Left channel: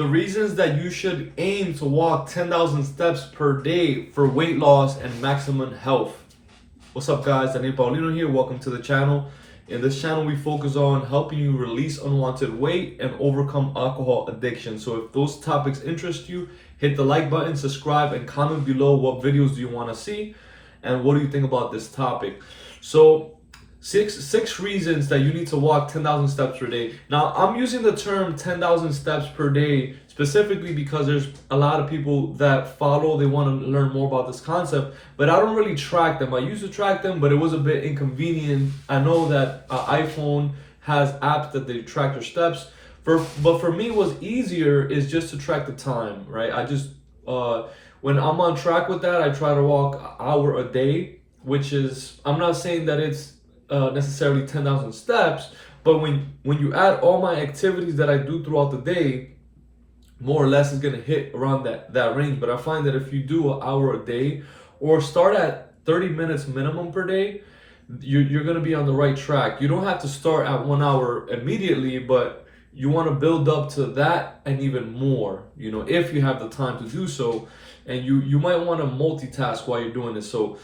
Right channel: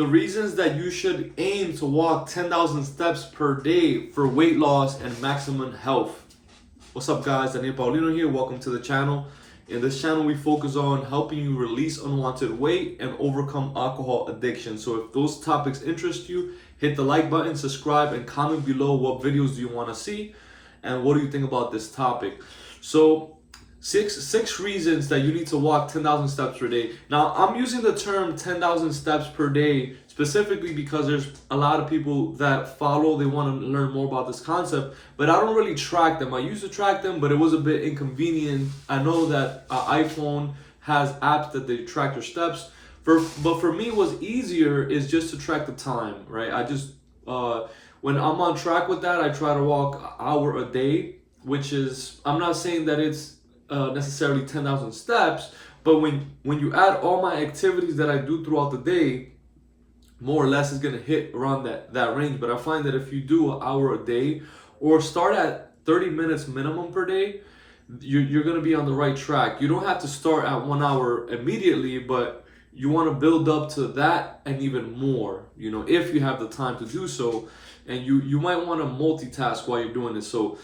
The reasons that you should aim to walk 10,000 steps per day for weight loss and maximum health. What's up, guys? Daniel Paulino here. Welcome to the channel. In this channel, we focus on helping you release unwanted weight and overcome alcohol addiction. So if those topics interest you, hit the like button, subscribe, and comment below what videos do you want to see and what do you think about this topic. So six reasons that you need to walk 10,000 steps per day. Now, I'm using the term 10,000 steps per day specifically because there's a lot of people that follow, they want to learn more about this concept, but I don't really track them. I used to track them, but it was a bit inconvenient. I know that iPhone has apps that they track your steps, but for me, what's easier is just to track the time, right? I just, when I'm on track with that, I try to walk an hour a day, which is, I'm not saying that it's necessarily 10,000 steps, but when you add all my activities that I do throughout the day, more or less is going to hit around that range. But I find that if you do an hour a day or start at 30 minutes minimum per day, you're going to be on the right track. You don't have to start at 1 hour immediately, but you want to build up to that and even more, you know, if you have the time to do so. And you might want to multitask while you're doing this. So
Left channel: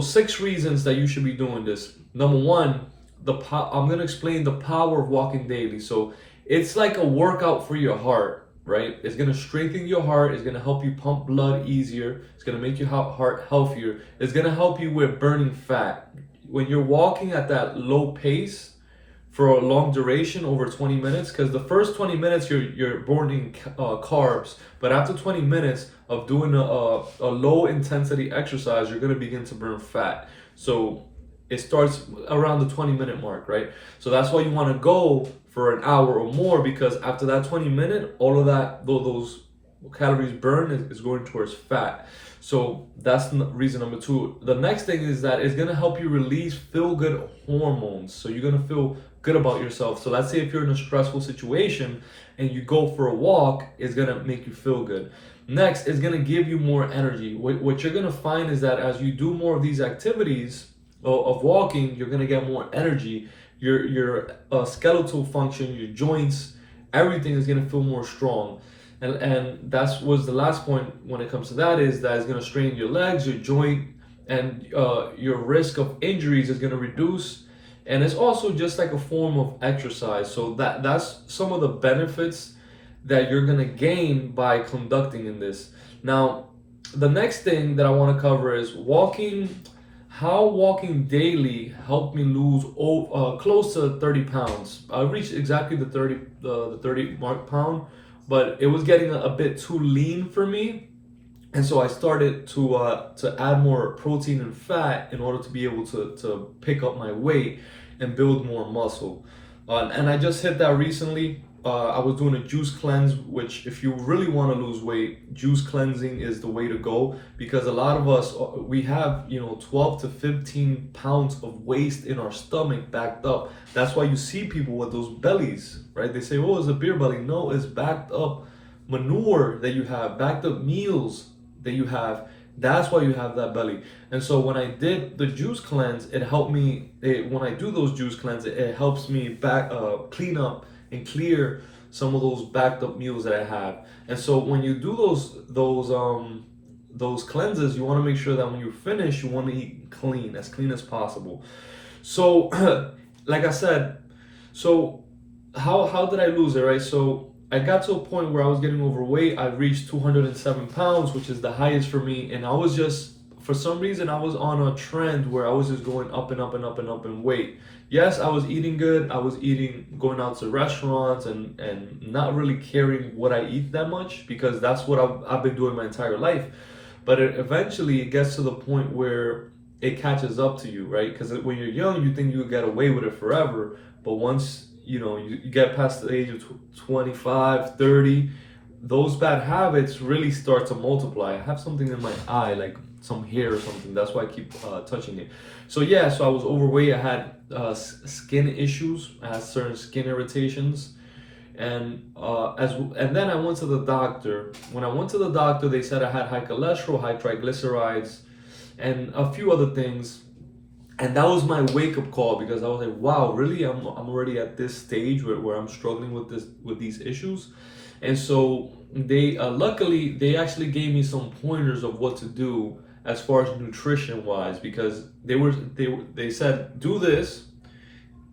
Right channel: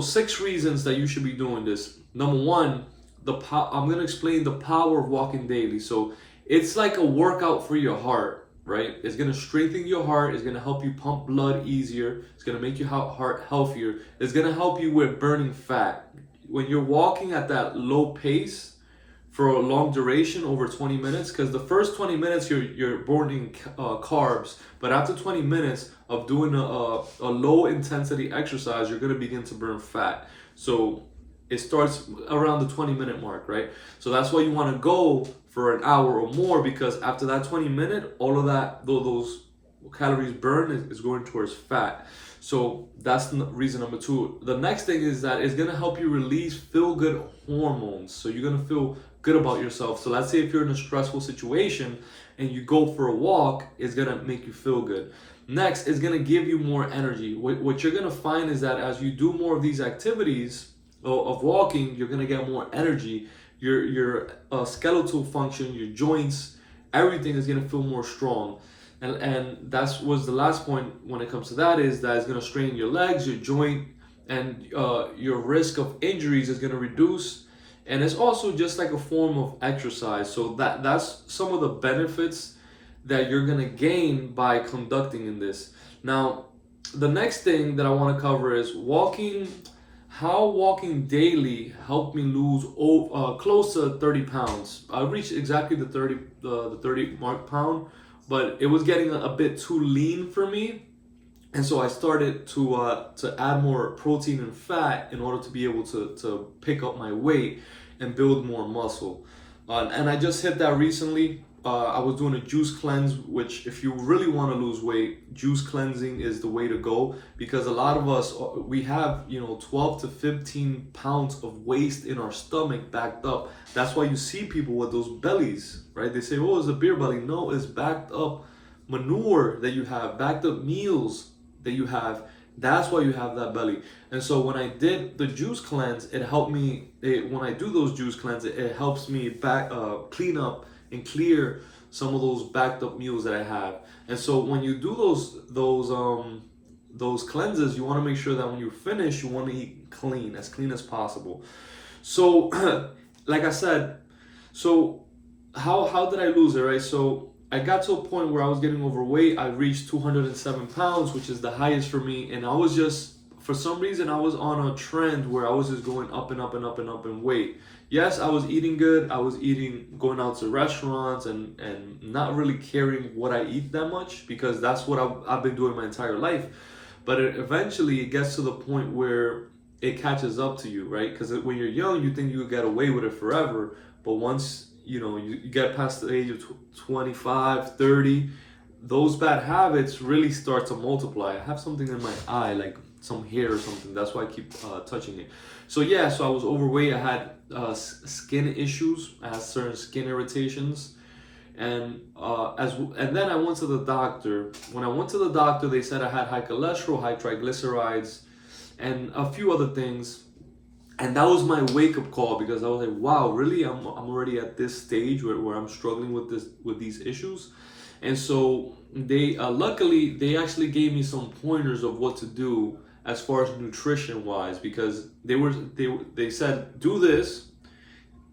6 reasons that you should be doing this. Number one, I'm going to explain the power of walking daily. So it's like a workout for your heart, right? It's going to strengthen your heart. It's going to help you pump blood easier. It's going to make your heart healthier. It's going to help you with burning fat. When you're walking at that low pace for a long duration, over 20 minutes, because the first 20 minutes you're burning carbs, but after 20 minutes of doing a low intensity exercise, you're going to begin to burn fat. So it starts around the 20-minute mark, right? So that's why you want to go for an hour or more, because after that 20-minute, all of that, those calories burned is going towards fat. So that's reason number 2. The next thing is that it's going to help you release feel-good hormones. So you're going to feel good about yourself. So let's say if you're in a stressful situation and you go for a walk, it's going to make you feel good. Next, it's going to give you more energy. What you're going to find is that as you do more of these activities of walking, you're going to get more energy. Your skeletal function, your joints, everything is going to feel more strong. And that was the last point when it comes to that, is that it's going to strengthen your legs, your joint, and your risk of injuries is going to reduce. And it's also just like a form of exercise. So that's some of the benefits that you're going to gain by conducting in this. Now, the next thing that I want to cover is how walking daily helped me lose close to 30 pounds. I reached exactly the 30 pound, but it was getting a bit too lean for me. And so I started to add more protein and fat in order to be able to pick up my weight and build more muscle. And I just hit that recently. I was doing a juice cleanse, which if you really want to lose weight, juice cleansing is the way to go, because a lot of us, we have, 12 to 15 pounds of waste in our stomach backed up. That's why you see people with those bellies, right? They say, oh, it's a beer belly. No, it's backed up manure that you have, backed up meals that you have. That's why you have that belly. And so when I did the juice cleanse, it helped me. When I do those juice cleanse, it helps me clean up and clear some of those backed up meals that I have. And so when you do those cleanses, you want to make sure that when you finish, you want to eat as clean as possible. So like I said, so how did I lose it, right? So I got to a point where I was getting overweight. I reached 207 pounds, which is the highest for me. And I was just, for some reason, I was on a trend where I was just going up and up and up and up in weight. Yes, I was eating good. I was going out to restaurants and not really caring what I eat that much, because that's what I've been doing my entire life. But eventually it gets to the point where it catches up to you, right? Because when you're young, you think you get away with it forever. But once you get past the age of 25, 30, those bad habits really start to multiply. I have something in my eye, like some hair or something. That's why I keep touching it. So yeah, so I was overweight. I had skin issues. I had certain skin irritations. And then I went to the doctor. When I went to the doctor, they said I had high cholesterol, high triglycerides, and a few other things. And that was my wake-up call, because I was like, wow, really? I'm already at this stage where I'm struggling with these issues. And so they luckily they actually gave me some pointers of what to do as far as nutrition wise, because they said do this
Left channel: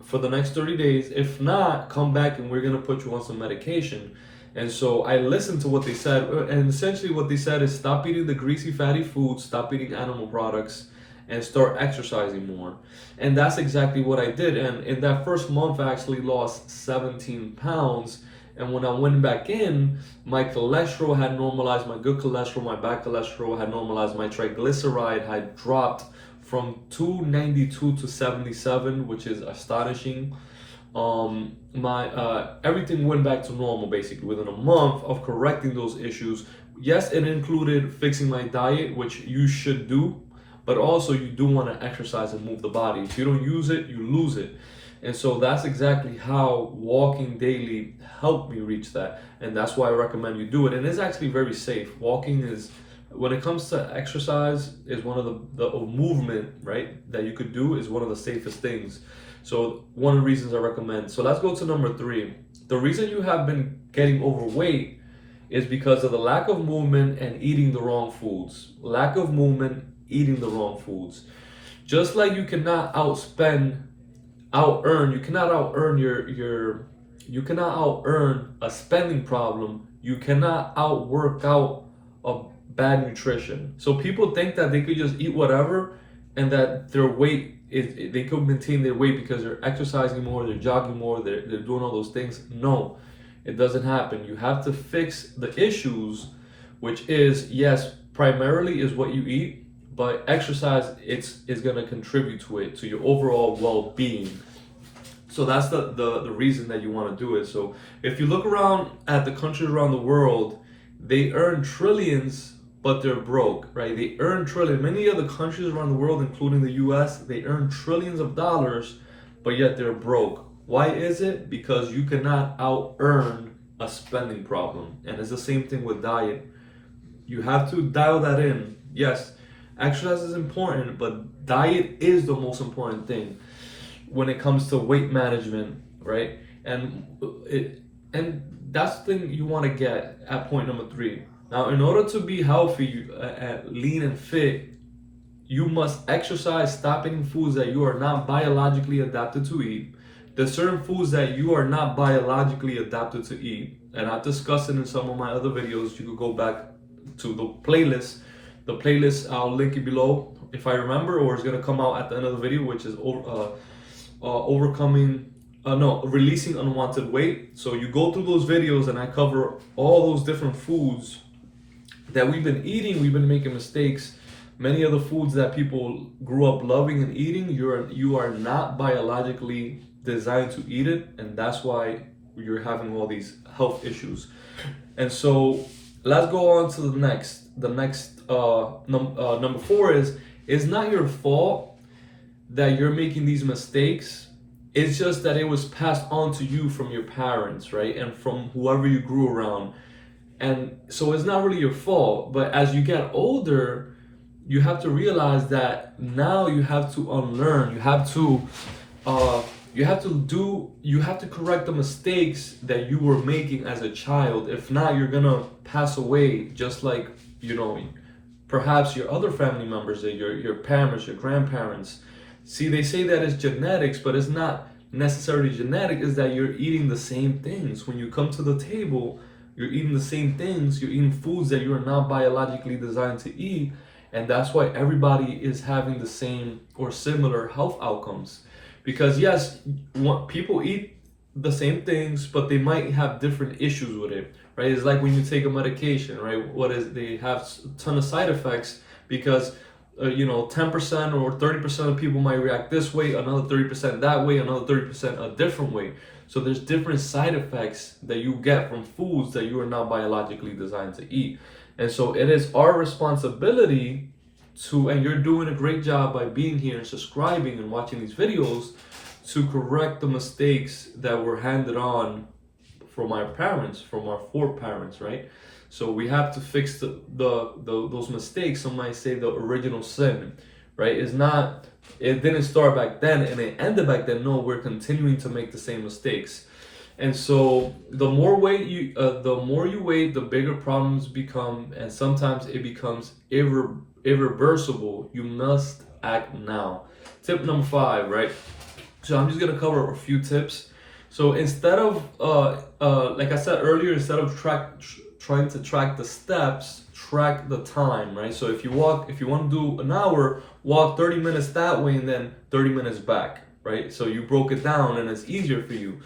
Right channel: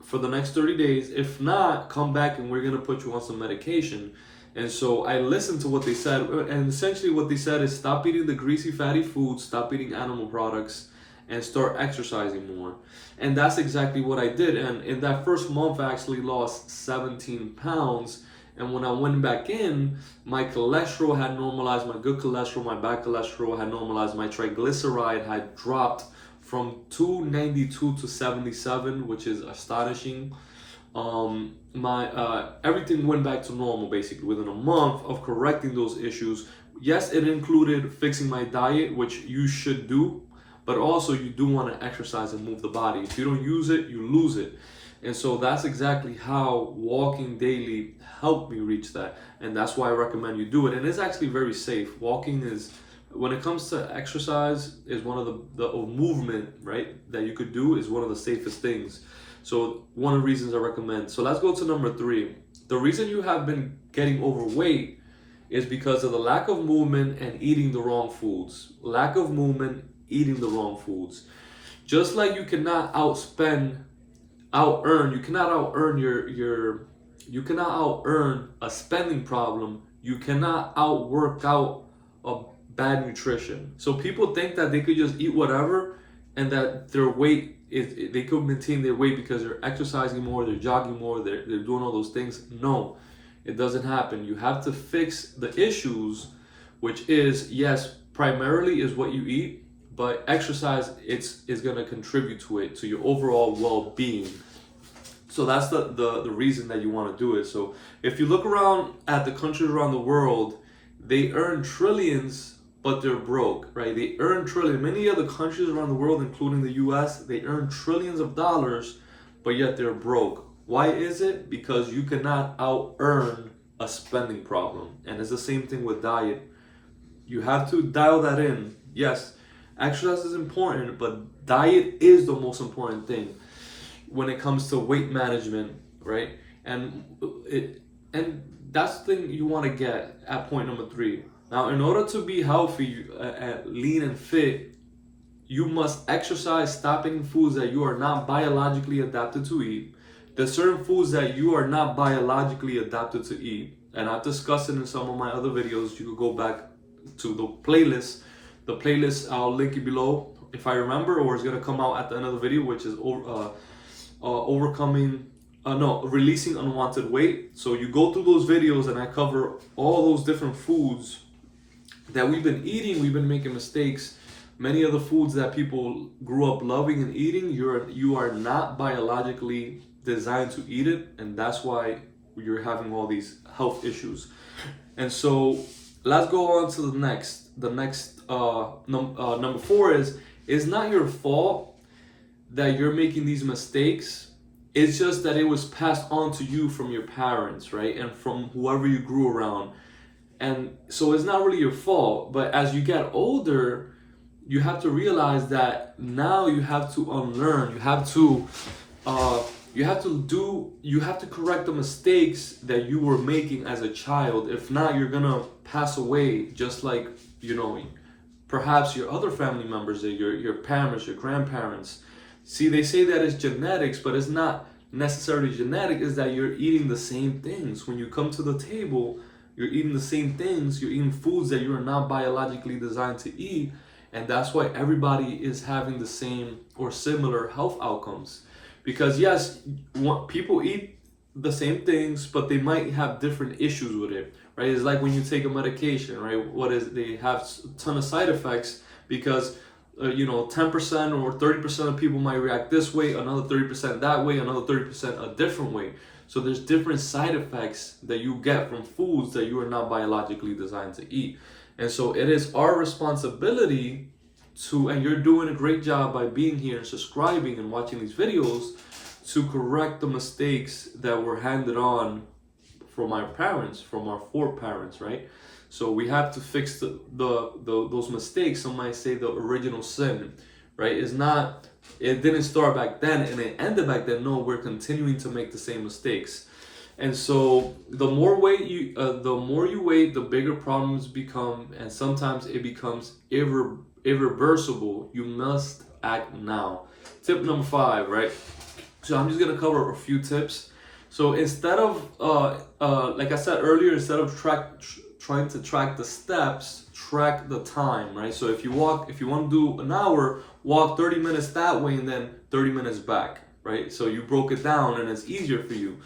for the next 30 days. If not, come back and we're going to put you on some medication. And so I listened to what they said, and essentially what they said is stop eating the greasy, fatty foods, stop eating animal products, and start exercising more. And that's exactly what I did. And in that first month, I actually lost 17 pounds. And when I went back in, my cholesterol had normalized, my good cholesterol, my bad cholesterol had normalized, my triglyceride had dropped from 292 to 77, which is astonishing. My everything went back to normal basically within a month of correcting those issues. Yes, it included fixing my diet, which you should do, but also you do want to exercise and move the body. If you don't use it, you lose it. And so that's exactly how walking daily helped me reach that. And that's why I recommend you do it. And it's actually very safe. Walking is, when it comes to exercise, is one of the movement, right, that you could do is one of the safest things. So one of the reasons I recommend. So let's go to number 3. The reason you have been getting overweight is because of the lack of movement and eating the wrong foods. Lack of movement, eating the wrong foods. Just like you cannot you cannot out earn a spending problem, you cannot outwork out a bad nutrition. So people think that they could just eat whatever and that their weight is, they could maintain their weight because they're exercising more, they're jogging more, they're doing all those things. No, it doesn't happen. You have to fix the issues, which is, yes, primarily is what you eat, but exercise is going to contribute to it, to your overall well-being. So that's the reason that you want to do it. So if you look around at the countries around the world, they earn trillions, but they're broke, right? They earn trillions. Many other countries around the world, including the US, they earn trillions of dollars, but yet they're broke. Why is it? Because you cannot out earn a spending problem. And it's the same thing with diet. You have to dial that in. Yes, exercise is important, but diet is the most important thing when it comes to weight management, right? And that's the thing you want to get at point number 3. Now, in order to be healthy, lean and fit, you must exercise, stop eating foods that you are not biologically adapted to eat. There's certain foods that you are not biologically adapted to eat, and I've discussed it in some of my other videos. You could go back to the playlist. The playlist, I'll link it below if I remember, or it's gonna come out at the end of the video, which is releasing unwanted weight. So you go through those videos and I cover all those different foods that we've been eating. We've been making mistakes. Many of the foods that people grew up loving and eating, you are not biologically designed to eat it, and that's why you're having all these health issues. And so let's go on to the next. Number 4 is, it's not your fault that you're making these mistakes. It's just that it was passed on to you from your parents, right? And from whoever you grew around. And so it's not really your fault. But as you get older, you have to realize that now you have to unlearn. You have to correct the mistakes that you were making as a child. If not, you're gonna pass away just like, perhaps your other family members, your parents, your grandparents. See, they say that it's genetics, but it's not necessarily genetic. Is that you're eating the same things. When you come to the table, you're eating the same things. You're eating foods that you are not biologically designed to eat. And that's why everybody is having the same or similar health outcomes. Because yes, people eat the same things, but they might have different issues with it, right? It's like when you take a medication, right? They have a ton of side effects because 10% or 30% of people might react this way, another 30% that way, another 30% a different way. So there's different side effects that you get from foods that you are not biologically designed to eat. And so it is our responsibility and you're doing a great job by being here and subscribing and watching these videos, to correct the mistakes that were handed on from our parents, from our foreparents, right? So we have to fix those mistakes. Some might say the original sin, right? It didn't start back then and it ended back then. No, we're continuing to make the same mistakes. And so the more you wait, the bigger problems become, and sometimes it becomes irreversible. You must act now. Tip number 5, right? So I'm just gonna cover a few tips. So instead of like I said earlier, instead of trying to track the steps, track the time, right? So if you want to do an hour, walk 30 minutes that way and then 30 minutes back, right? So you broke it down and it's easier for you.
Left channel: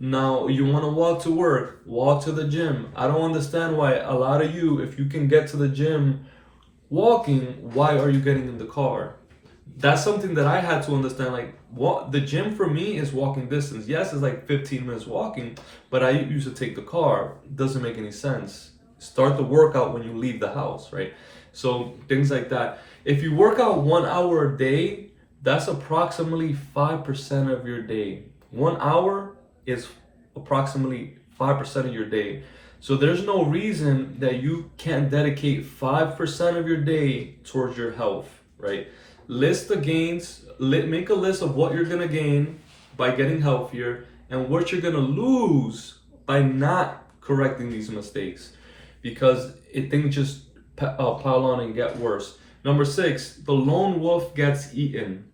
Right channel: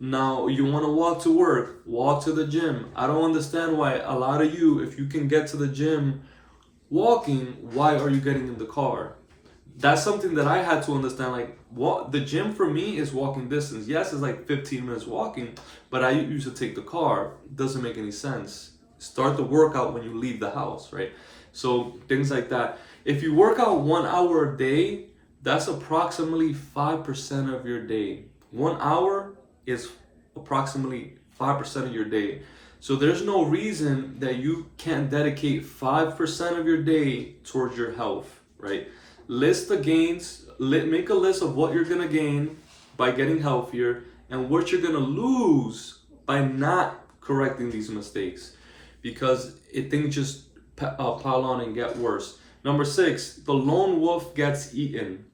Now you want to walk to work, walk to the gym. I don't understand why a lot of you, if you can get to the gym walking, why are you getting in the car? That's something that I had to understand. Like, what the gym for me is walking distance. Yes, it's like 15 minutes walking, but I used to take the car. It doesn't make any sense. Start the workout when you leave the house, right? So things like that. If you work out 1 hour a day, that's approximately 5% of your day. 1 hour is approximately 5% of your day. So there's no reason that you can't dedicate 5% of your day towards your health, right? List the gains, make a list of what you're gonna gain by getting healthier and what you're gonna lose by not correcting these mistakes, because things just pile on and get worse. Number 6, the lone wolf gets eaten.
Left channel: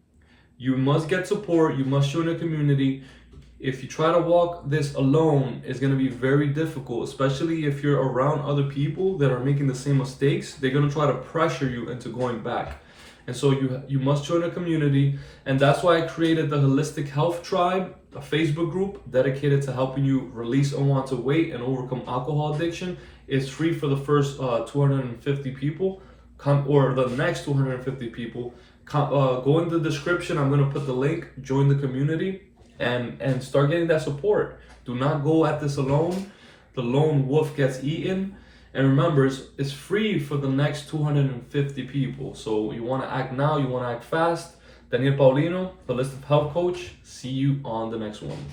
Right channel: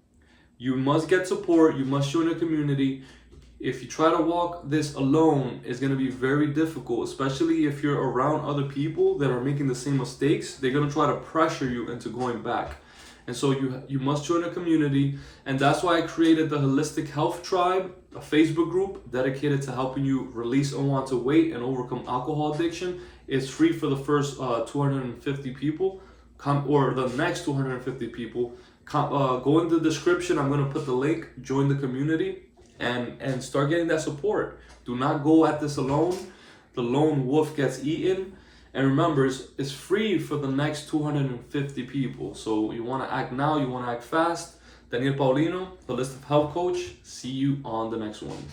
You must get support, you must join a community. If you try to walk this alone, it's going to be very difficult, especially if you're around other people that are making the same mistakes. They're going to try to pressure you into going back. And so you must join a community. And that's why I created the Holistic Health Tribe, a Facebook group dedicated to helping you release unwanted weight and overcome alcohol addiction. It's free for the first 250 people, or the next 250 people. Go in the description. I'm going to put the link. Join the community and start getting that support. Do not go at this alone. The lone wolf gets eaten. And remember, it's free for the next 250 people. So you want to act now, you want to act fast. Daniel Paulino, Holistic Health Coach. See you on the next one.